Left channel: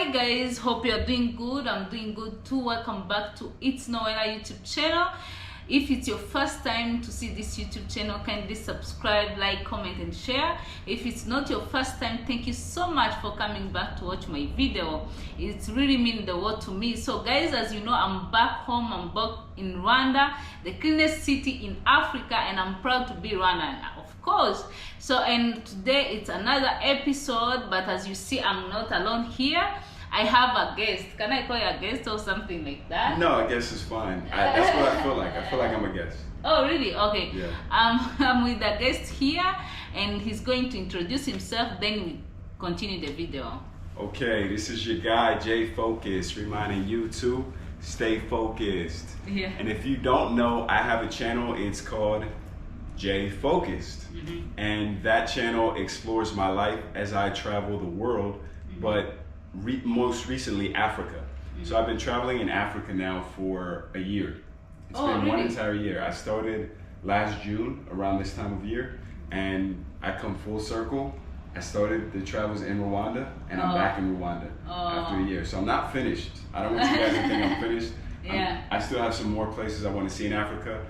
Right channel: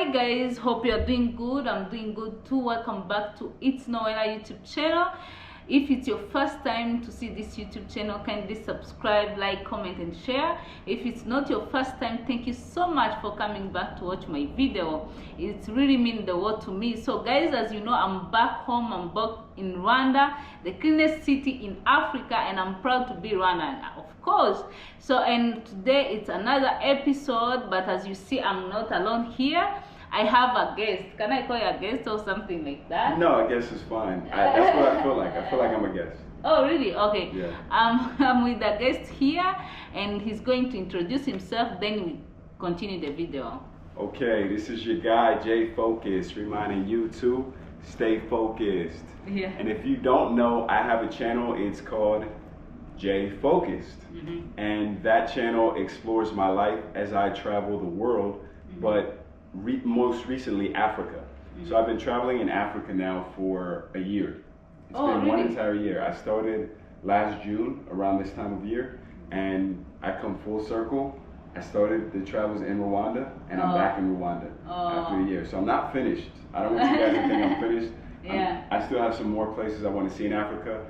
Hi guys, hope you're doing good. I'm doing good too. Welcome back to It's Noella YouTube channel. If it's your first time to see this YouTube channel, kindly subscribe, like, comment and share. If it's not your first time, thank you so much for coming back to watch my video. It's really mean the world to me. So guys, as you know, I'm back home. I'm back in Rwanda, the cleanest city in Africa, and I'm proud to be Rwandan, of course. So, and today it's another episode, but as you see, I'm not alone here. I have a guest. Can I call you a guest or something like that? No, a guest is fine. That's what I feel like. I feel like I'm a guest. Oh, really? Okay. Yeah. I'm with a guest here, and he's going to introduce himself, then we continue the video. Okay, this is your guy, Jay Focus, reminding you to stay focused. Yeah. And if you don't know, I have a channel. It's called Jay Focused. And that channel explores my life as I travel the world, but most recently Africa. So I've been traveling in Africa now for a year. It's been one entire year. I started last June around this time of year, and I come full circle. I started the travels in Rwanda, and I'm back in Rwanda after a year. So I'm not finished. I don't want you guys to think I'm finished. Yeah. I still have some more places I want to see in Africa,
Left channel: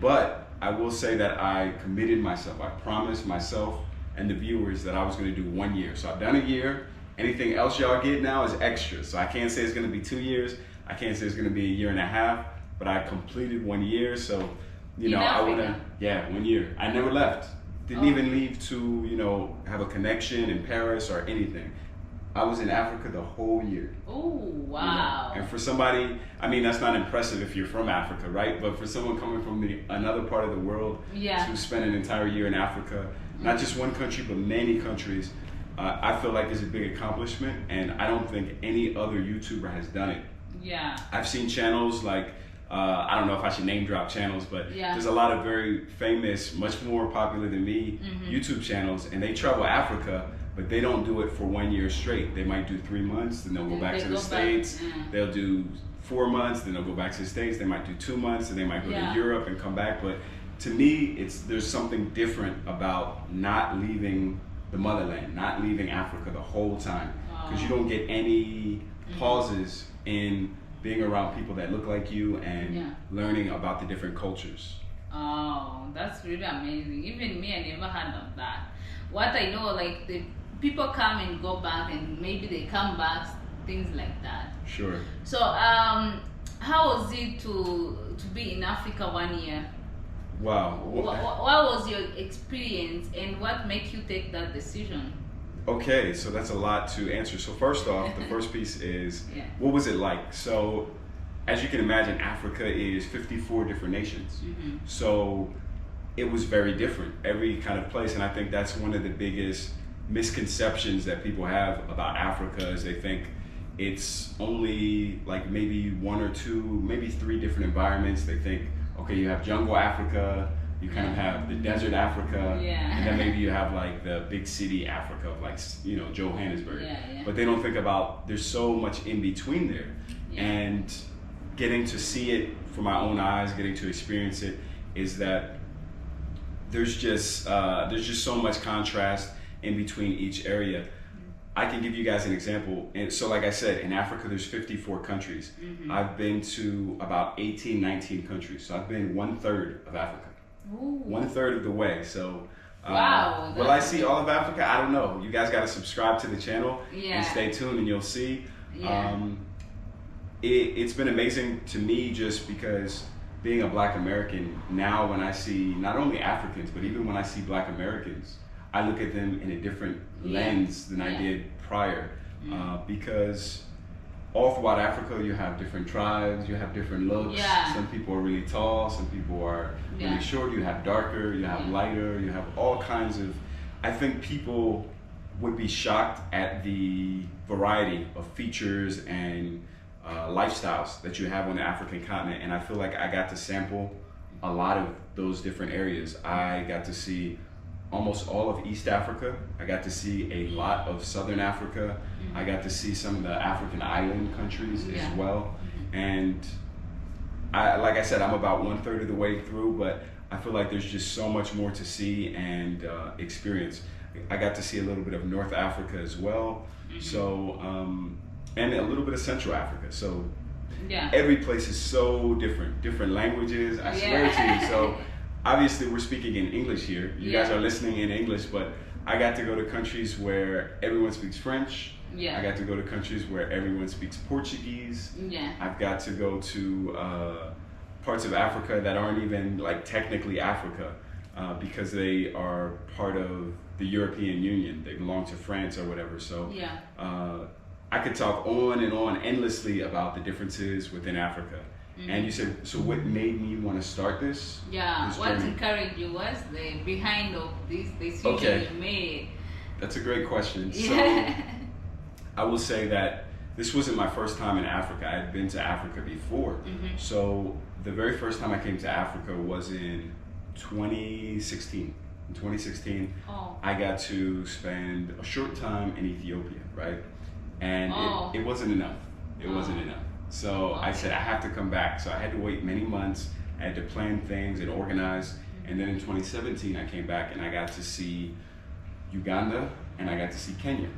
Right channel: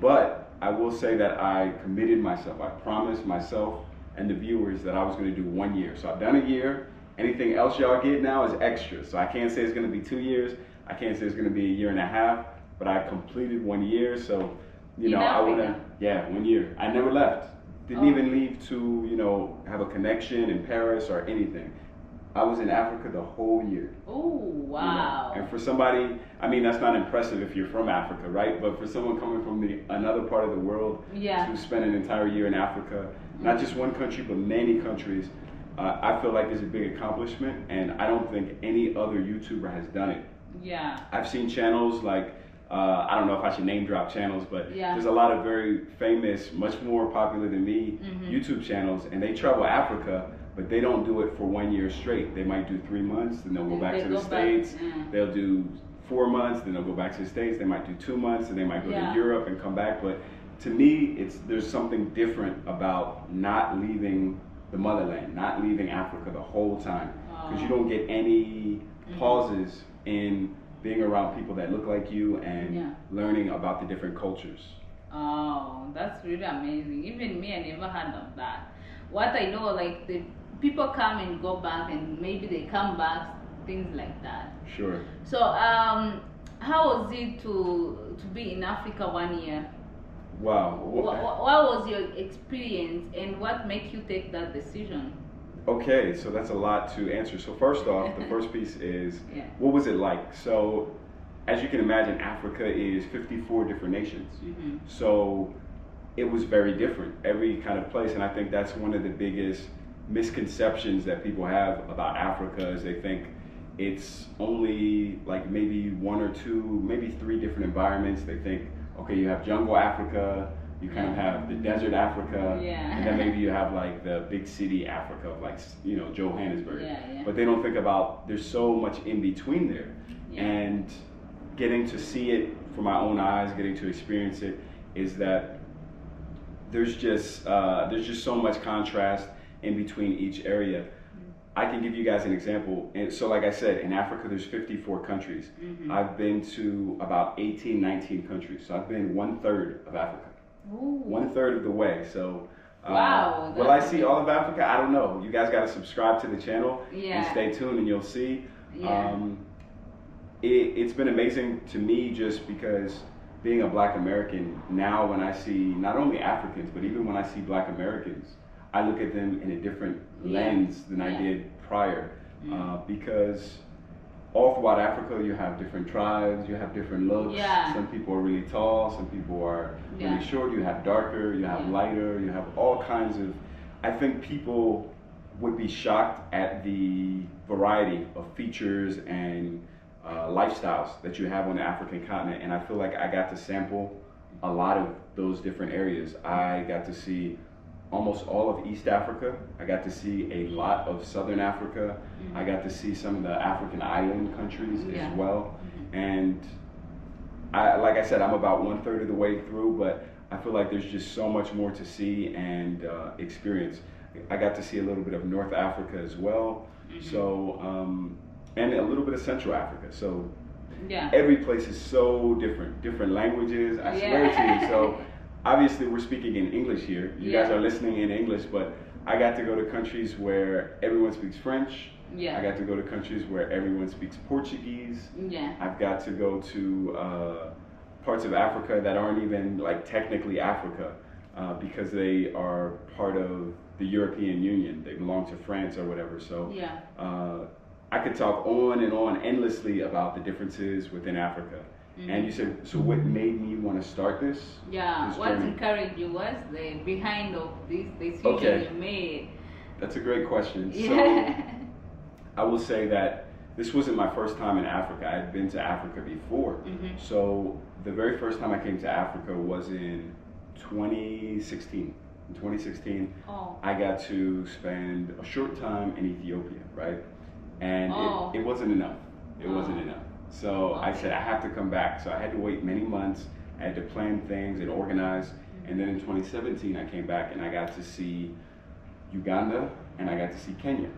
but I will say that I committed myself. I promised myself and the viewers that I was going to do 1 year. So I've done a year. Anything else y'all get now is extra. So I can't say it's gonna be 2 years. I can't say it's gonna be a year and a half, but I completed 1 year. So, you know, I wanna, 1 year. I never left. Didn't even leave to, you know, have a connection in Paris or anything. I was in Africa the whole year. Oh, wow. You know? And for somebody, I mean, that's not impressive if you're from Africa, right? But for someone coming from another part of the world to spend an entire year in Africa, not just one country, but many countries, I feel like it's a big accomplishment, and I don't think any other YouTuber has done it. Yeah. I've seen channels like, I don't know if I should name drop channels, but there's a lot of very famous, much more popular than me, YouTube channels, and they travel Africa, but they don't do it for 1 year straight. They might do 3 months, then they'll go back to the States. They'll do 4 months, then they'll go back to the States. They might do 2 months, and they might go to Europe and come back. But to me, there's something different about not leaving the motherland, not leaving Africa the whole time, because you don't get any pauses in being around people that look like you and learning about the different cultures. Oh, that's really amazing. Even me, I never heard of that. What I know, like, the people come and go back, and maybe they come back, things like that. Sure. So, how was it to be in Africa 1 year? Wow. What was your experience, and what made you take that decision? Okay, so that's a lot to answer. So first off, the first piece is, what was it like? So as you can imagine, Africa is 54 different nations. So it was very different, every kind of place. And I think that's one of the biggest misconceptions that people have about Africa, is they think it's only like maybe 1 or 2, maybe 3 different environments. They think, okay, you have jungle Africa, you kind of have the desert Africa, and then maybe you have like the big city Africa, like, you know, Johannesburg. But they don't think about there's so much in between there. And getting to see it for my own eyes, getting to experience it, is that there's just so much contrast in between each area. I can give you guys an example. And so like I said, in Africa, there's 54 countries. I've been to about 18, 19 countries. So I've been 1/3 of Africa. Ooh. 1/3 of the way. So wow. Will I see all of Africa? I don't know. You guys got to subscribe to the channel and stay tuned, and you'll see. It's been amazing to me, just because being a Black American, now when I see not only Africans, but even when I see Black Americans, I look at them in a different lens than I did prior, because all throughout Africa you have different tribes, you have different looks. Some people are really tall, some people are really short, you have darker, you have lighter, you have all kinds of, I think people would be shocked at the variety of features and lifestyles that you have on the African continent. And I feel like I got to sample a lot of those different areas. I got to see almost all of East Africa. I got to see a lot of Southern Africa. I got to see some of the African island countries as well. And like I said, I'm about 1/3 of the way through, but I feel like there's just so much more to see and experience. I got to see a little bit of North Africa as well. So and a little bit of Central Africa. So yeah, every place is so different languages. I swear to you. So obviously we're speaking in English here. You guys are listening in English, but I got to go to countries where everyone speaks French. Yeah. I got to go to countries where everyone speaks Portuguese. Yeah. I've got to go to parts of Africa that aren't even like technically Africa because they are part of the European Union. They belong to France or whatever. So yeah. I could talk on and on endlessly about the differences within Africa. Mm-hmm. And you said, so what made me want to start this? Yeah, what encouraged you was the behind of this decision you made. That's a great question. Yeah. So I will say that this wasn't my first time in Africa. I had been to Africa before. Mm-hmm. So the very first time I came to Africa was in 2016. In 2016, I got to spend a short time in Ethiopia, right? And it wasn't enough. It wasn't enough. So I said, I have to come back. So I had to wait many months. I had to plan things and organize. Mm-hmm. And then in 2017, I came back and I got to see Uganda and I got to see Kenya,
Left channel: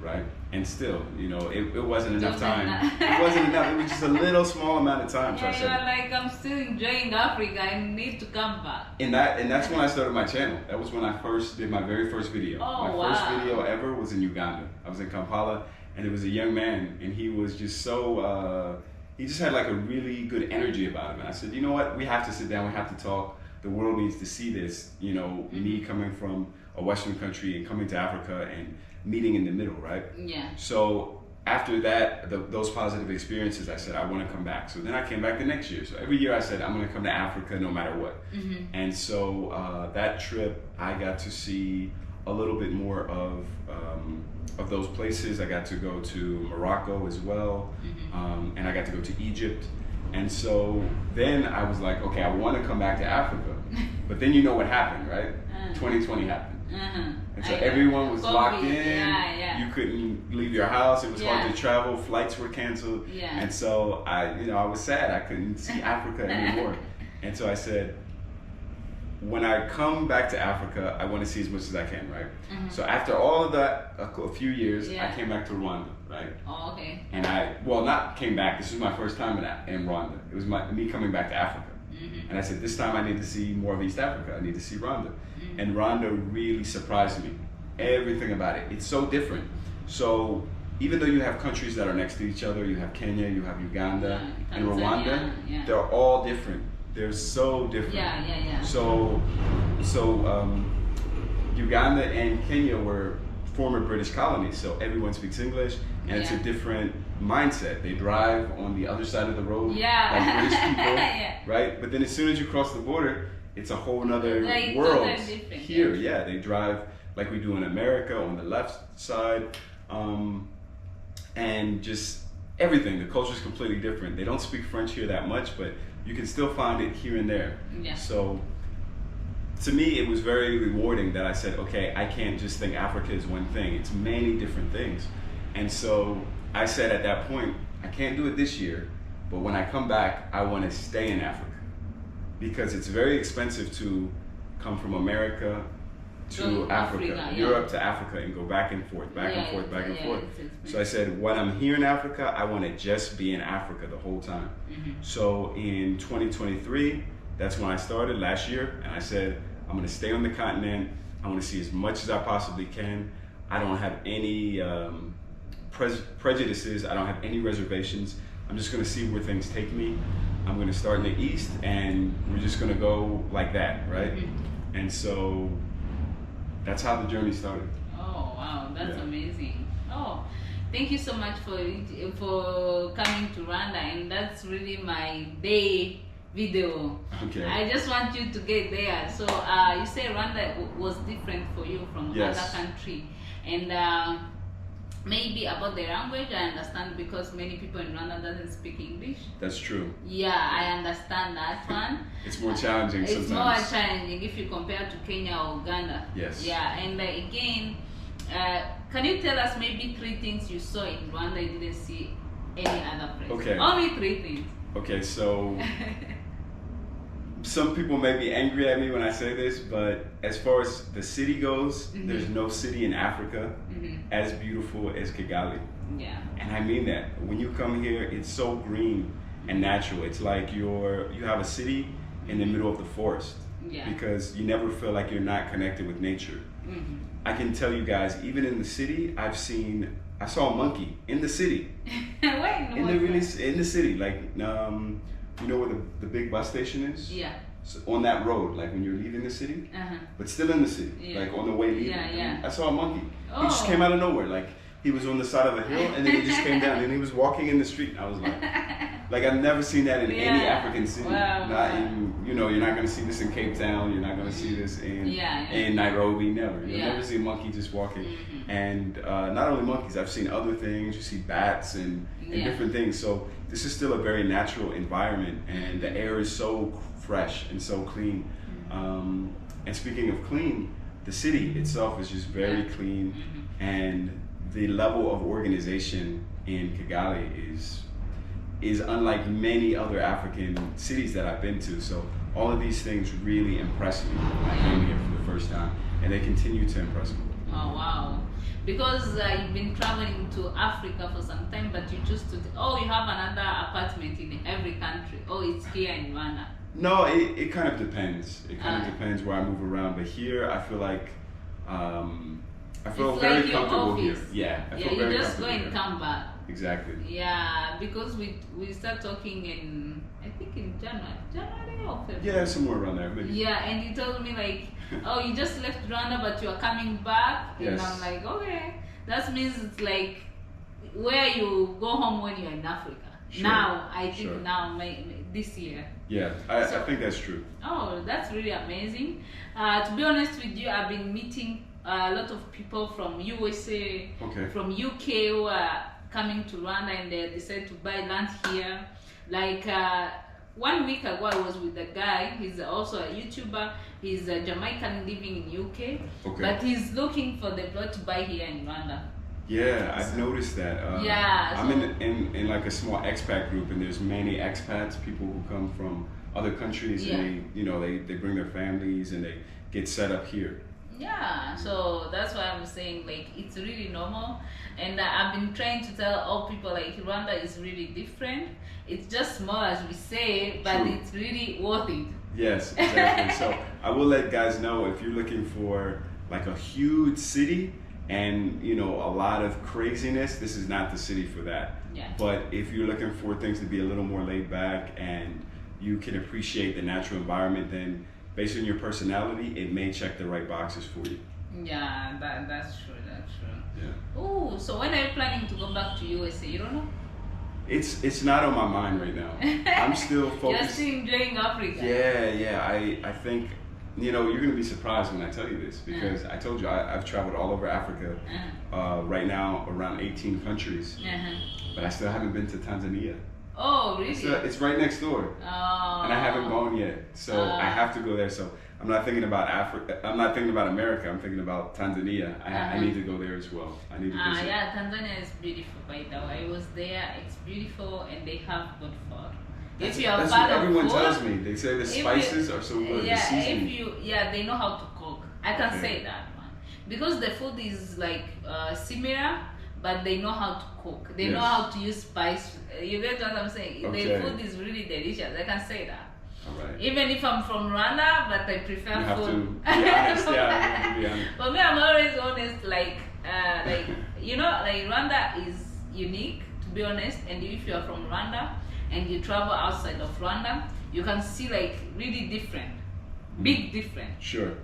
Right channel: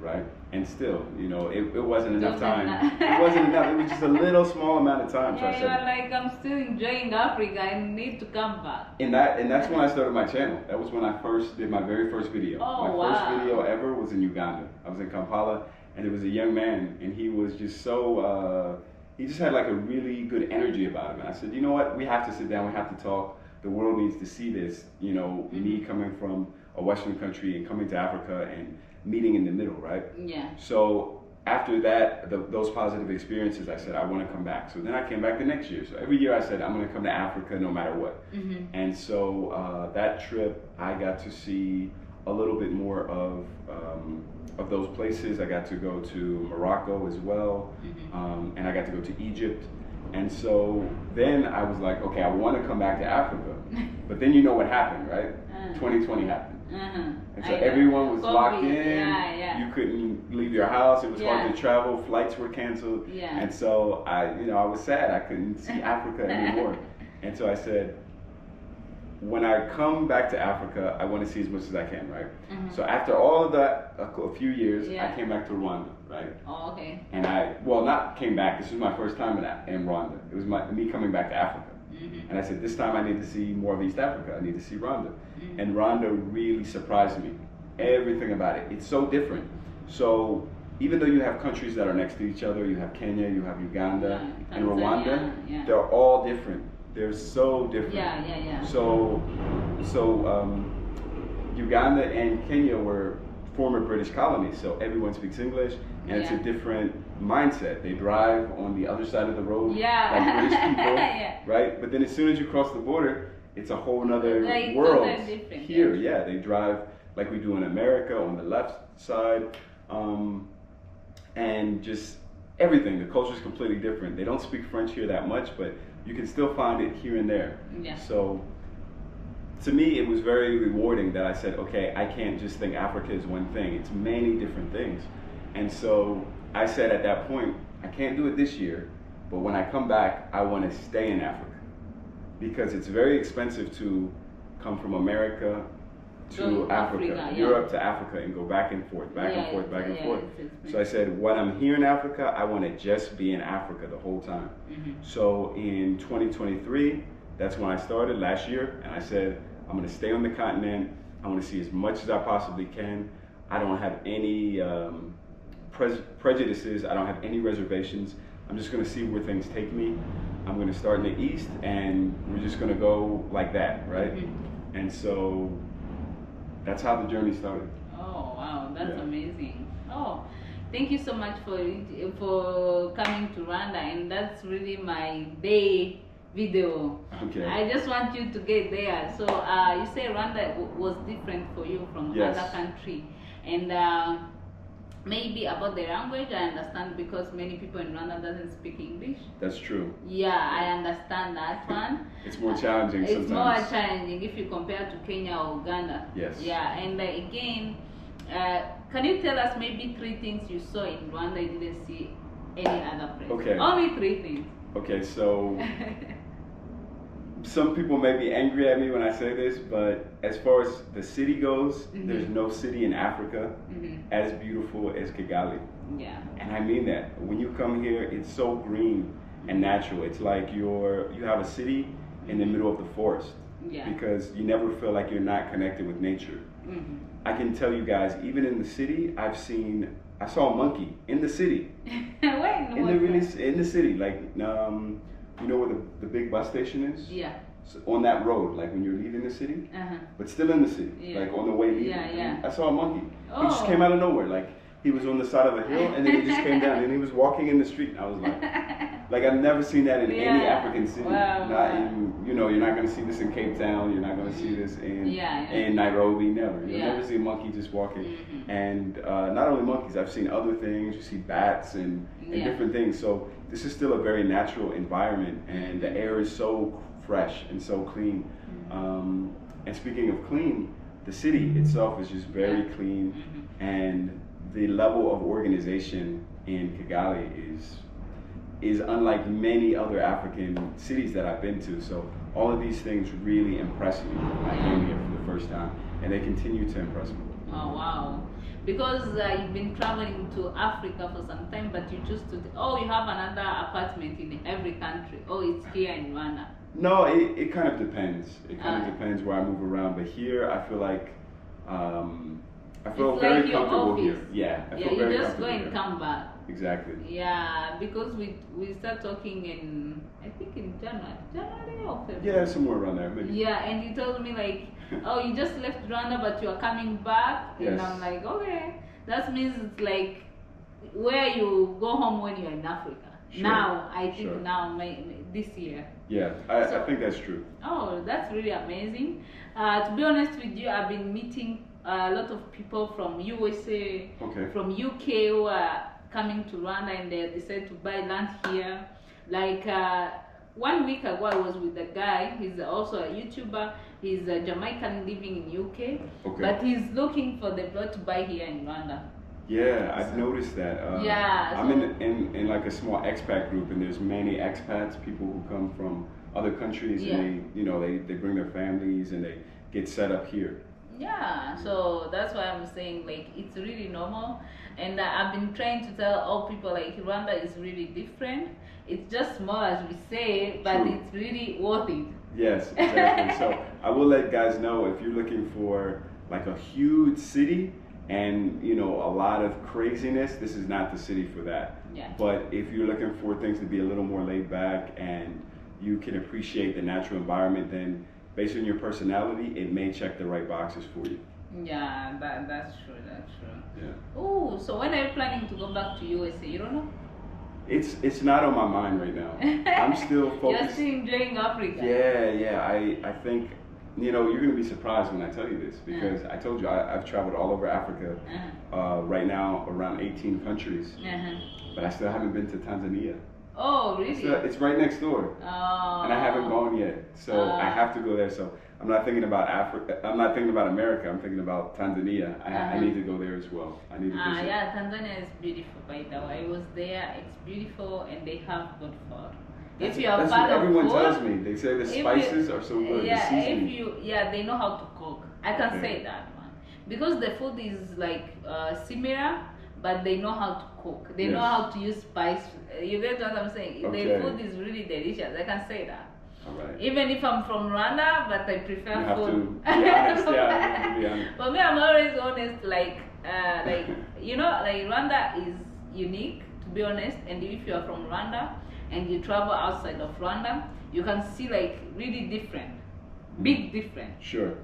right? And still, you know, it wasn't enough time. It wasn't enough. It was just a little small amount of time. Yeah, so I you said, were like, I'm still enjoying Africa. I need to come back. And that's when I started my channel. That was when I first did my very first video. First video ever was in Uganda. I was in Kampala, and it was a young man, and he was just so, he just had like a really good energy about him. And I said, you know what? We have to sit down. We have to talk. The world needs to see this. You know, me coming from a Western country and coming to Africa and meeting in the middle, right? Yeah. So after that, those positive experiences, I said, I want to come back. So then I came back the next year. So every year I said, I'm going to come to Africa no matter what. Mm-hmm. And so that trip, I got to see a little bit more of those places. I got to go to Morocco as well. Mm-hmm. And I got to go to Egypt. And so then I was like, okay, I want to come back to Africa. But then you know what happened, right? 2020 happened. And so everyone was locked in. You couldn't leave your house. It was hard to travel. Flights were canceled. And so I was sad. I couldn't see Africa anymore. And so I said, when I come back to Africa, I want to see as much as I can, right? So after all of that, a few years, I came back to Rwanda, right? Oh, okay. And not came back. This was my first time in Rwanda. It was me coming back to Africa. And I said, this time I need to see more of East Africa. I need to see Rwanda. And Rwanda really surprised me. Everything about it. It's so different. So even though you have countries that are next to each other, you have Kenya, you have Uganda, and Rwanda, they're all different. They're so different. So Uganda and Kenya were former British colonies, so everyone speaks English, and it's a different mindset. They drive on the other side of the road like British people, right? But then as soon as you cross the border, it's a whole nother world. Here, they drive like we do in America on the left side, and just everything. The culture is completely different. They don't speak French here that much, but you can still find it here and there. So to me, it was very rewarding that I said, okay, I can't just think Africa is one thing. It's many different things. And so I said at that point, I can't do it this year, but when I come back, I want to stay in Africa because it's very expensive to come from America to Africa, Europe to Africa, and go back and forth, back and forth. So I said, when I'm here in Africa, I want to just be in Africa the whole time. So in 2023, that's when I started last year, and I said, I'm going to stay on the continent. I want to see as much as I possibly can. I don't have any prejudices. I don't have any reservations. I'm just going to see where things take me. I'm going to start in the East, and we're just going to go like that, right? And so that's how the journey started. Oh, wow. That's amazing. Oh, thank you so much for coming to Rwanda, and that's really my day video. Okay. I just want you to get there. So you say Rwanda was different for you from other country, and maybe about the language I understand because many people in Rwanda doesn't speak English. That's true. Yeah, I understand that one. It's more challenging sometimes. It's more challenging if you compare to Kenya or Uganda. Yes. Yeah, and again, can you tell us maybe 3 things you saw in Rwanda you didn't see any other place? Okay. Only 3 things. Okay, so some people may be angry at me when I say this, but as far as the city goes, there's no city in Africa as beautiful as Kigali. Yeah. And I mean that. When you come here, it's so green and natural. It's like you have a city in the middle of the forest. Yeah. Because you never feel like you're not connected with nature. Mm-hmm. I can tell you guys, even in the city, I saw a monkey in the city. Where? In the city, like you know where the big bus station is? Yeah. So on that road, like when you're leaving the city, but still in the city, like on the way leaving. Yeah. I saw a monkey. Oh. He just came out of nowhere, like he was on the side of a hill, and then he just came down, and he was walking in the street. And I was like I've never seen that in any African city. Not in, you're not going to see this in Cape Town. You're not going to see this in Nairobi. Never. You'll never see a monkey just walking. Mm-hmm. And not only monkeys, I've seen other things. You see bats and different things. So this is still a very natural environment, and the air is so fresh and so clean. Mm-hmm. And speaking of clean, the city itself is just very clean, and the level of organization in Kigali is unlike many other African cities that I've been to. So all of these things really impressed me when I came here for the first time, and they continue to impress me. Oh wow. Because you've been traveling to Africa for some time, but you choose to, you have another apartment in every country. Oh, it's here in Rwanda. No, it kind of depends. It kind of depends where I move around. But here, I feel like I feel it's very like comfortable office. Here. Yeah, I feel you very just go comfortable and here. come back. Exactly. Yeah, because we start talking in, I think in January or February. Yeah, somewhere around there, maybe. Yeah, and you told me like, oh, you just left Rwanda, but you are coming back. Yes. And I'm like, okay, that means it's like where you go home when you're in Africa. Sure. Now, I think now, this year. Yeah, I think that's true. Oh, that's really amazing. To be honest with you, I've been meeting a lot of people from USA, from UK who are coming to Rwanda, and they decided to buy land here. Like 1 week ago, I was with a guy. He's also a YouTuber. He's a Jamaican living in UK, but he's looking for the plot to buy here in Rwanda. Yeah, I've noticed that. I'm in like a small expat group, and there's many expats, people who come from other countries, and they bring their families and they get set up here. Yeah, so that's why I'm saying like it's really normal, and I've been trying to tell all people like Rwanda is really different. It's just small as we say, but it's really worth it. Yes, exactly. So I will let guys know, if you're looking for like a huge city and a lot of craziness, this is not the city for that. Yeah. But if you're looking for things to be a little more laid back and you can appreciate the natural environment, then based on your personality, it may check the right boxes for you. Yeah, that's true. That's true. Yeah. Oh, so when are you planning to go back to USA? You don't know? It's not on my mind right now. I'm still focused. You're still enjoying Africa. Yeah. I think you're gonna be surprised when I tell you this, because I told you I've traveled all over Africa. Right now around 18 countries, but I still haven't been to Tanzania. Oh, really? It's right next door, and I haven't gone yet. So I have to go there. So I'm not thinking about Africa. I'm not thinking about America. I'm thinking about Tanzania. I need to go there as well. I need to visit. Yeah, Tanzania is beautiful, by the way. I was there. It's beautiful, and they have good food. If you are that's fan what of everyone food, tells me. They say the spices are so good. Yeah, the seasoning. they know how to cook. I can say that one, because the food is like similar, but they know how to cook. They know how to use spice. You get what I'm saying? The food is really delicious. I can say that. Right. Even if I'm from Rwanda, but I prefer you have food. To be honest. Yeah, to be honest. For me, I'm always honest. Like Rwanda is unique, to be honest. And if you are from Rwanda and you travel outside of Rwanda, you can see like really different, big different. Sure.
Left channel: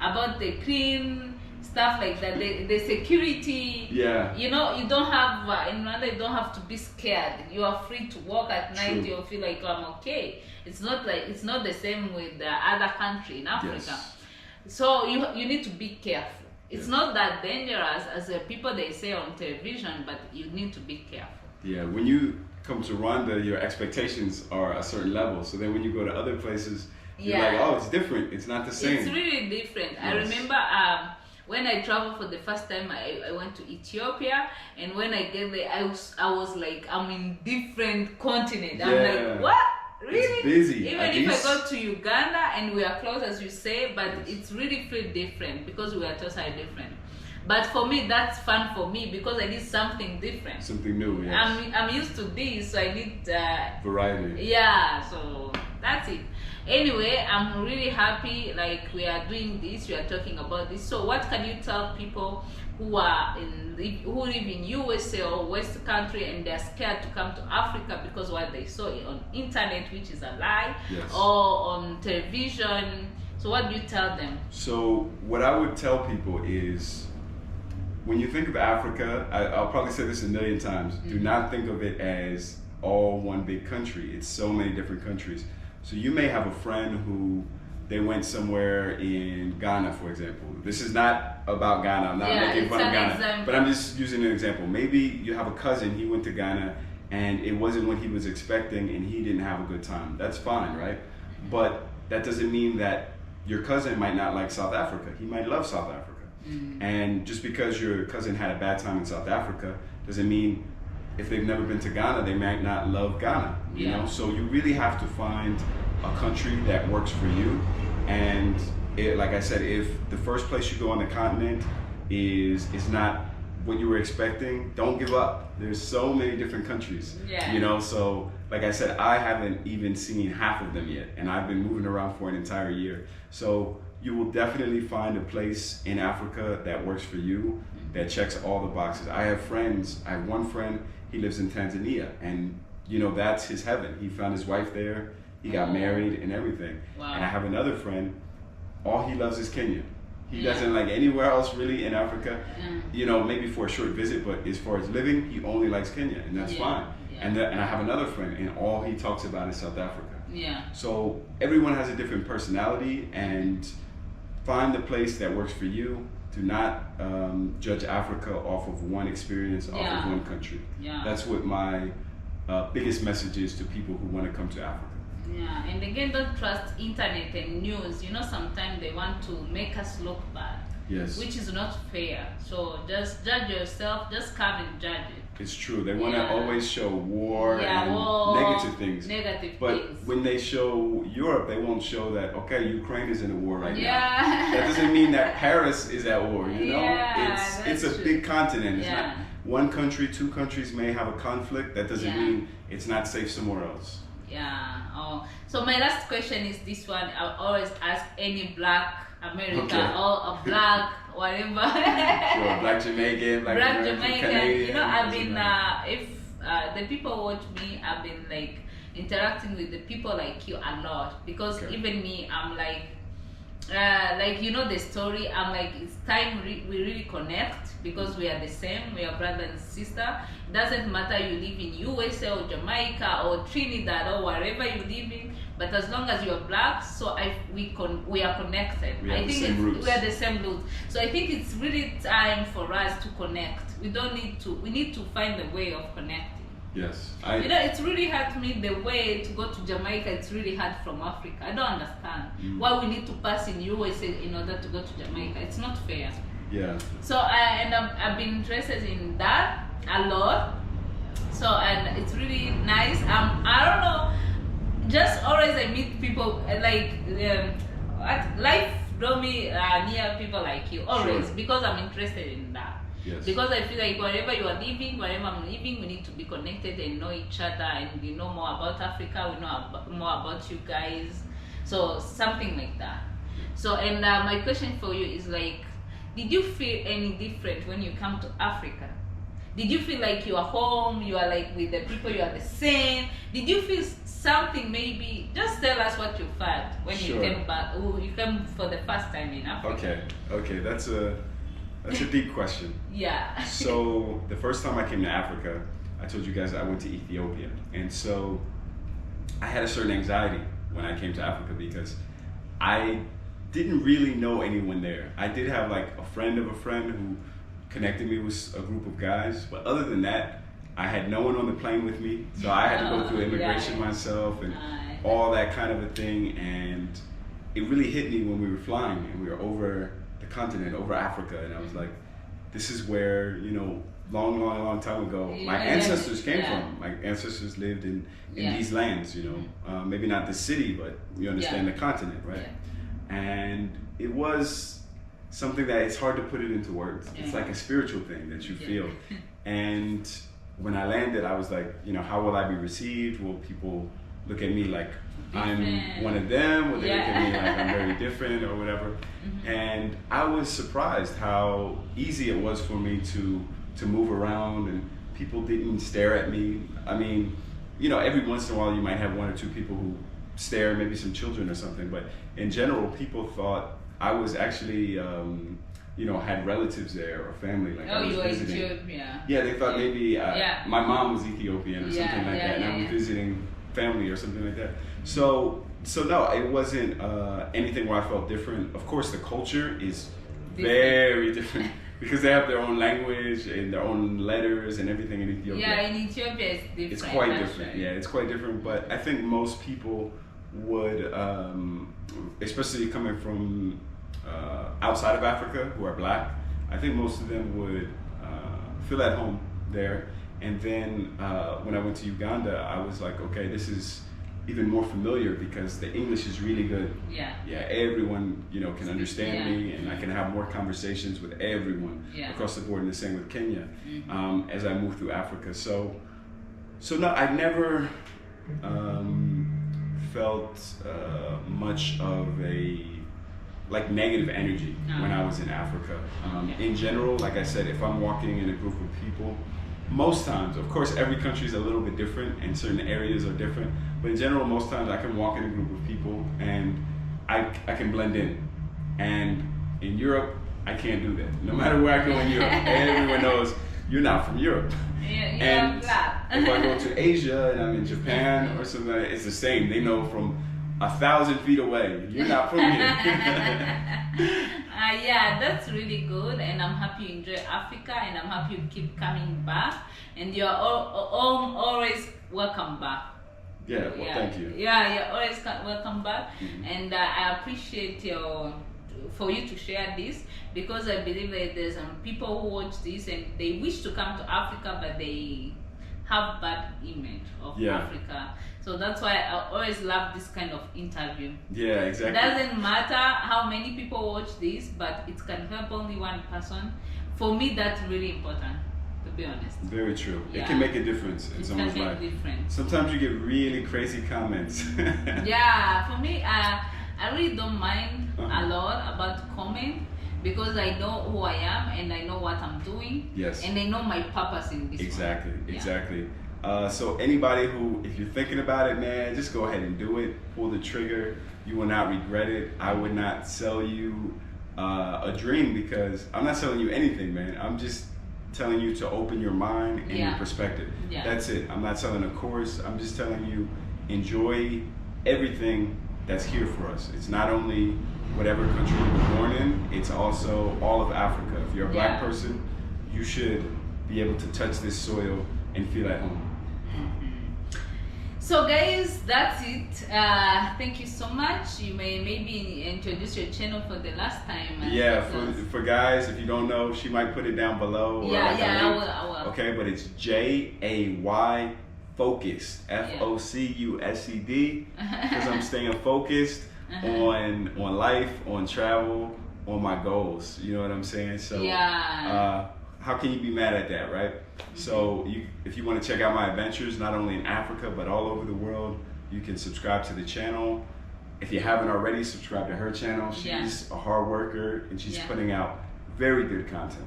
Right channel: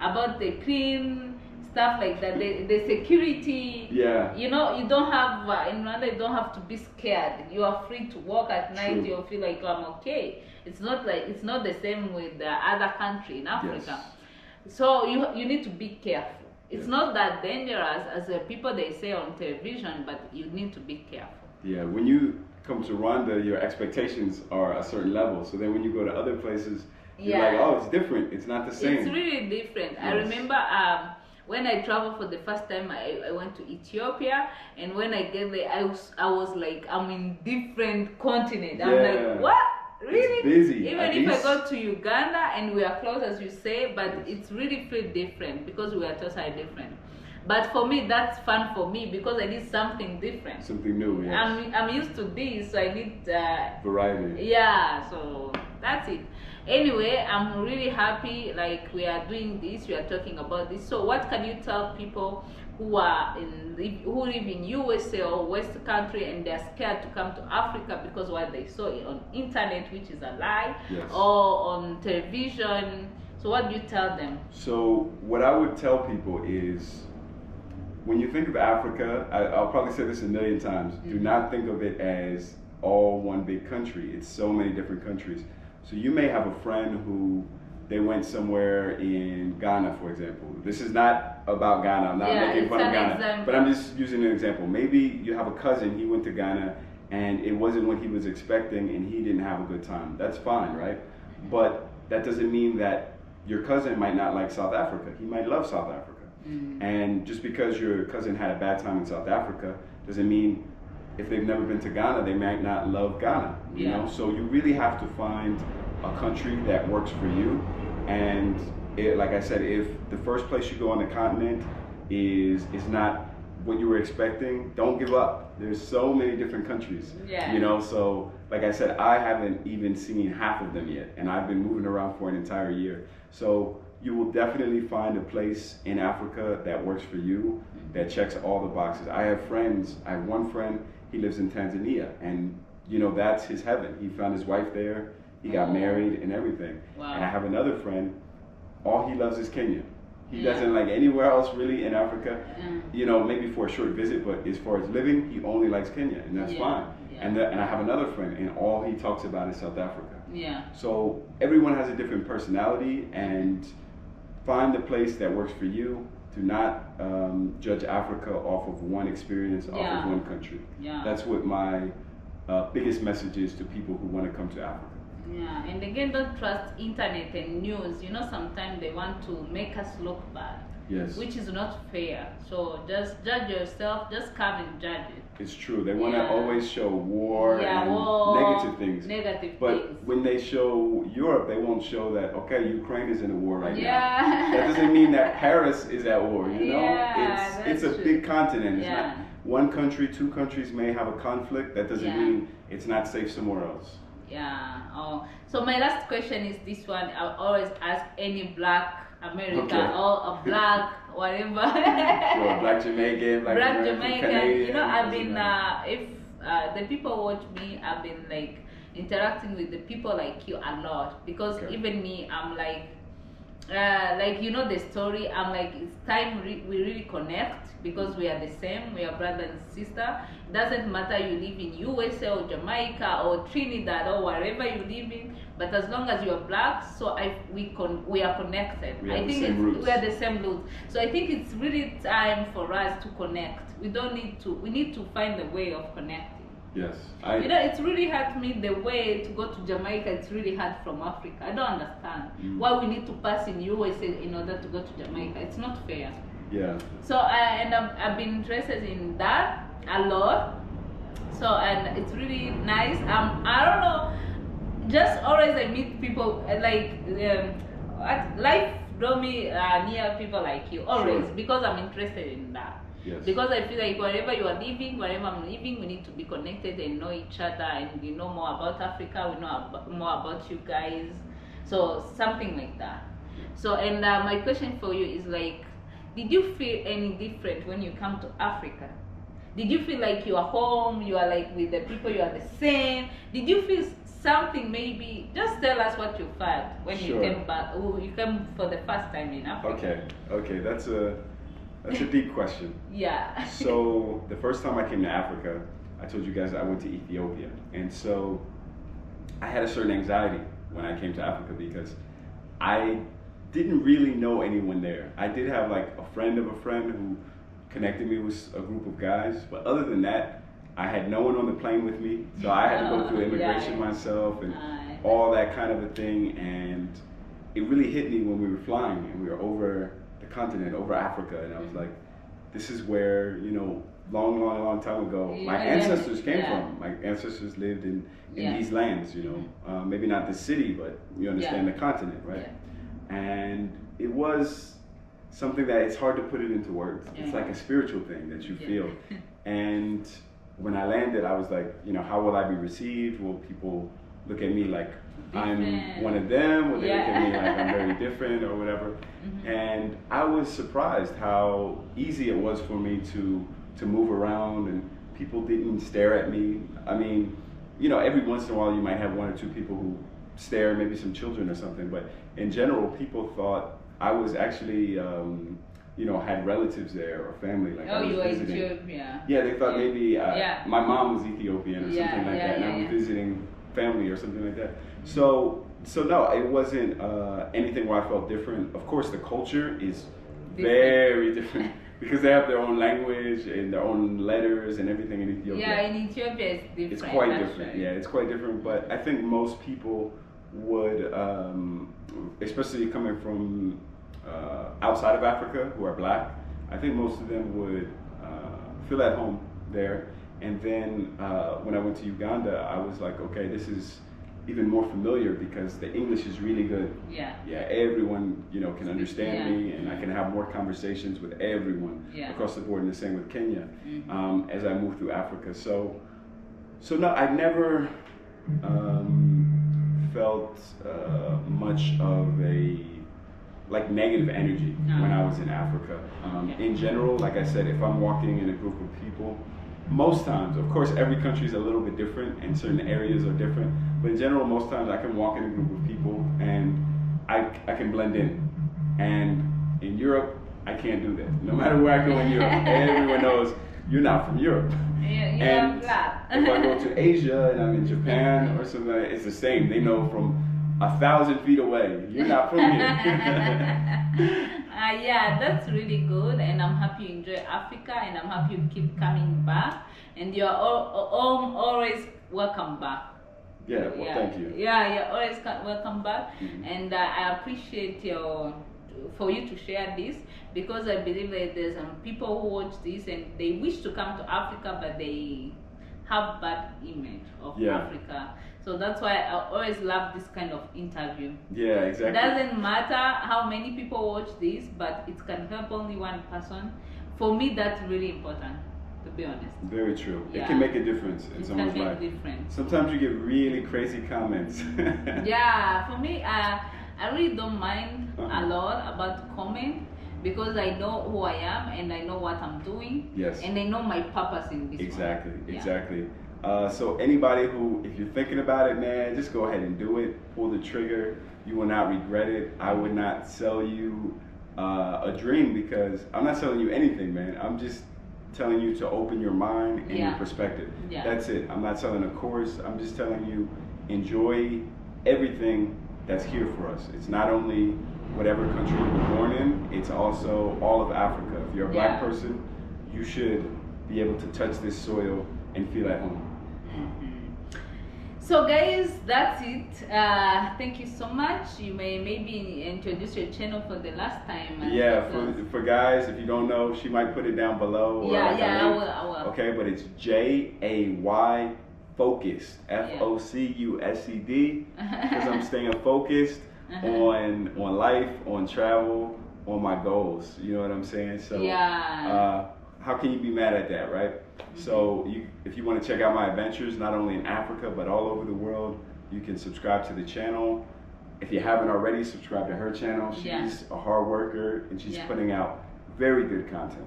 About the clean stuff like that, the security. Yeah. You don't have in Rwanda. You don't have to be scared. You are free to walk at night. You feel like I'm okay. It's not the same with the other country in Africa. Yes. So you need to be careful. It's not that dangerous as the people they say on television, but you need to be careful. Yeah, when you come to Rwanda, your expectations are a certain level. So then when you go to other places, you're like, oh, it's different. It's not the same. It's really different. Yes. I remember when I traveled for the first time, I went to Ethiopia, and when I get there, I was like, I'm in different continent. I'm like, what? Really? It's busy. Even if I go to Uganda and we are close, as you say, but it's really feel different because we are totally different. But for me, that's fun for me because I need something different. Something new, yes. I'm used to this, so I need variety. Yeah, so that's it. Anyway, I'm really happy like we are doing this, we are talking about this. So what can you tell people who live in USA or West country and they're scared to come to Africa because what they saw on internet, which is a lie, yes. or on television? So what do you tell them? So what I would tell people is, when you think of Africa, I'll probably say this a million times, do not think of it as all one big country. It's so many different countries. So you may have a friend who they went somewhere in Ghana, for example. This is not about Ghana. I'm not making fun of Ghana, but I'm just using an example. Maybe you have a cousin, he went to Ghana and it wasn't what he was expecting and he didn't have a good time. That's fine, right? But that doesn't mean that your cousin might not like South Africa. He might love South Africa. And just because your cousin had a bad time in South Africa doesn't mean if they've never been to Ghana, they might not love Ghana, you know? So you really have to find a country that works for you. And like I said, if the first place you go on the continent is not what you were expecting, don't give up. There's so many different countries, you know? So like I said, I haven't even seen half of them yet, and I've been moving around for an entire year. So you will definitely find a place in Africa that works for you, that checks all the boxes. I have one friend, he lives in Tanzania, and you know, that's his heaven. He found his wife there, he got married and everything. Wow. And I have another friend, all he loves is Kenya. He doesn't like anywhere else really in Africa, you know, maybe for a short visit, but as far as living, he only likes Kenya, and that's fine. And I have another friend, and all he talks about is South Africa. So everyone has a different personality, and find the place that works for you. Do not judge Africa off of one experience, off of one country. That's what my biggest message is to people who want to come to Africa. And again, don't trust internet and news. You know, sometimes they want to make us look bad. Which is not fair. So just judge yourself, just come and judge it. It's true. They want to always show war and negative things. But when they show Europe, they won't show that, okay, Ukraine is in a war right now. That doesn't mean that Paris is at war, you know? It's a big continent. It's not one country, two countries may have a conflict. That doesn't mean it's not safe somewhere else. So my last question is this one. I always ask any Black American or a Black whatever. Black Jamaican, Black Jamaican. Canadian, you know, I've been if the people watch me, I've been like interacting with the people like you a lot, because even me, I'm like you know the story. I'm like, it's time we really connect, because we are the same. We are brother and sister. It doesn't matter you live in USA or Jamaica or Trinidad or wherever you live in, but as long as you are Black, so we are connected. I think we are the same roots. So I think it's really time for us to connect. We need to find a way of connecting. Yes. You know, it's really hard to me, the way to go to Jamaica, it's really hard from Africa. I don't understand why we need to pass in USA in order to go to Jamaica. It's not fair. So I've been interested in that a lot. So, and it's really nice. I don't know, just always I meet people like life draw me near people like you always, because I'm interested in that. Because I feel like wherever you are living, wherever I'm living, we need to be connected and know each other, and we know more about Africa, we know more about you guys. So something like that. So, and my question for you is like, did you feel any different when you come to Africa? Did you feel like you are home, you are like with the people, you are the same? Did you feel something, maybe? Just tell us what you felt when you came back, you came for the first time in Africa. Okay, that's a deep question. So the first time I came to Africa, I told you guys I went to Ethiopia. And so I had a certain anxiety when I came to Africa, because I didn't really know anyone there. I did have like a friend of a friend who connected me with a group of guys, but other than that, I had no one on the plane with me, so I had to go through immigration myself and all that kind of a thing. And it really hit me when we were flying and we were over the continent, over Africa, and I was like, this is where, you know, long time ago, my ancestors came from. My ancestors lived in these lands, you know, maybe not the city, but you understand the continent, right? And it was something that it's hard to put it into words. It's like a spiritual thing that you feel. And when I landed, I was like, you know, how will I be received? Will people look at me like I'm one of them? Will they look at me like I'm very different or whatever? And I was surprised how easy it was for me to move around, and people didn't stare at me. I mean, you know, every once in a while you might have one or two people who stare, maybe some children or something, but in general, people thought I was actually, you know, had relatives there or family. Like I was you were visiting. Ethiopian. Yeah, they thought maybe my mom was Ethiopian or something like that, and I was visiting family or something like that. So no, it wasn't anything where I felt different. Of course, the culture is very different because they have their own language and their own letters and everything in Ethiopia. Yeah, in Ethiopia it's different. It's quite different. Right. Yeah, it's quite different. But I think most people would, especially coming from outside of Africa who are black, I think most of them would feel at home there. And then when I went to Uganda, I was like, okay, this is even more familiar because the English is really good. Yeah. Yeah, everyone, you know, can understand me, and I can have more conversations with everyone across the board, and the same with Kenya as I move through Africa. So no, I never felt much of a negative energy when I was in Africa. In general, like I said, if I'm walking in a group of people, most times, of course, every country is a little bit different and certain areas are different, but in general, most times I can walk in a group of people and I can blend in. And in Europe, I can't do that. No matter where I go in Europe, everyone knows you're not from Europe. And if I go to Asia and I'm in Japan or something, it's the same. They know from 1,000 feet away, you're not from here. Yeah, that's really good, and I'm happy you enjoy Africa, and I'm happy you keep coming back, and you're always welcome back. Yeah, well, thank you. Yeah, you're always welcome back, and I appreciate for you to share this, because I believe that there's some people who watch this and they wish to come to Africa, but they have bad image of Africa. So that's why I always love this kind of interview. Yeah, exactly. It doesn't matter how many people watch this, but it can help only one person. For me, that's really important, to be honest. Very true. Yeah. It can make a difference in someone's life. Sometimes you get really crazy comments. Yeah, for me, I really don't mind a lot about comment, because I know who I am and I know what I'm doing. Yes. And I know my purpose in this. Exactly. So anybody who, if you're thinking about it, man, just go ahead and do it. Pull the trigger. You will not regret it. I would not sell you a dream, because I'm not selling you anything, man. I'm just telling you to open your mind and your perspective. Yeah. That's it. I'm not selling a course. I'm just telling you, enjoy everything that's here for us. It's not only whatever country you were born in, it's also all of Africa. If you're a black person, you should be able to touch this soil and feel at home. So guys, that's it. Thank you so much. You may maybe introduce your channel for the last time. Yeah, for guys, if you don't know, she might put it down below. Or I will. Okay, but it's JAY Focused, FOCUSED, because I'm staying focused on life, on travel, on my goals. You know what I'm saying? So how can you be mad at that, right? So if you want to check out my adventures, not only in Africa, but all over the world, you can subscribe to the channel. If you haven't already, subscribe to her channel. She's a hard worker, and she's putting out very good content.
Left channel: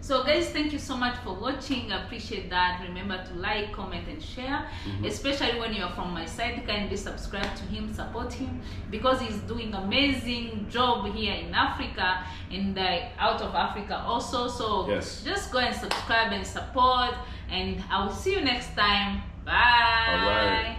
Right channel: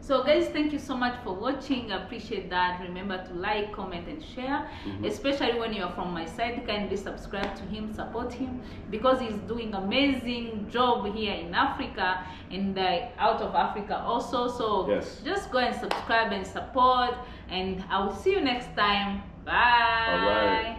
So guys, thank you so much for watching. I appreciate that. Remember to like, comment, and share. Especially when you're from my side, kindly subscribe to him, support him, because he's doing amazing job here in Africa and out of Africa also. So just go and subscribe and support, and I will see you next time. Bye. All right.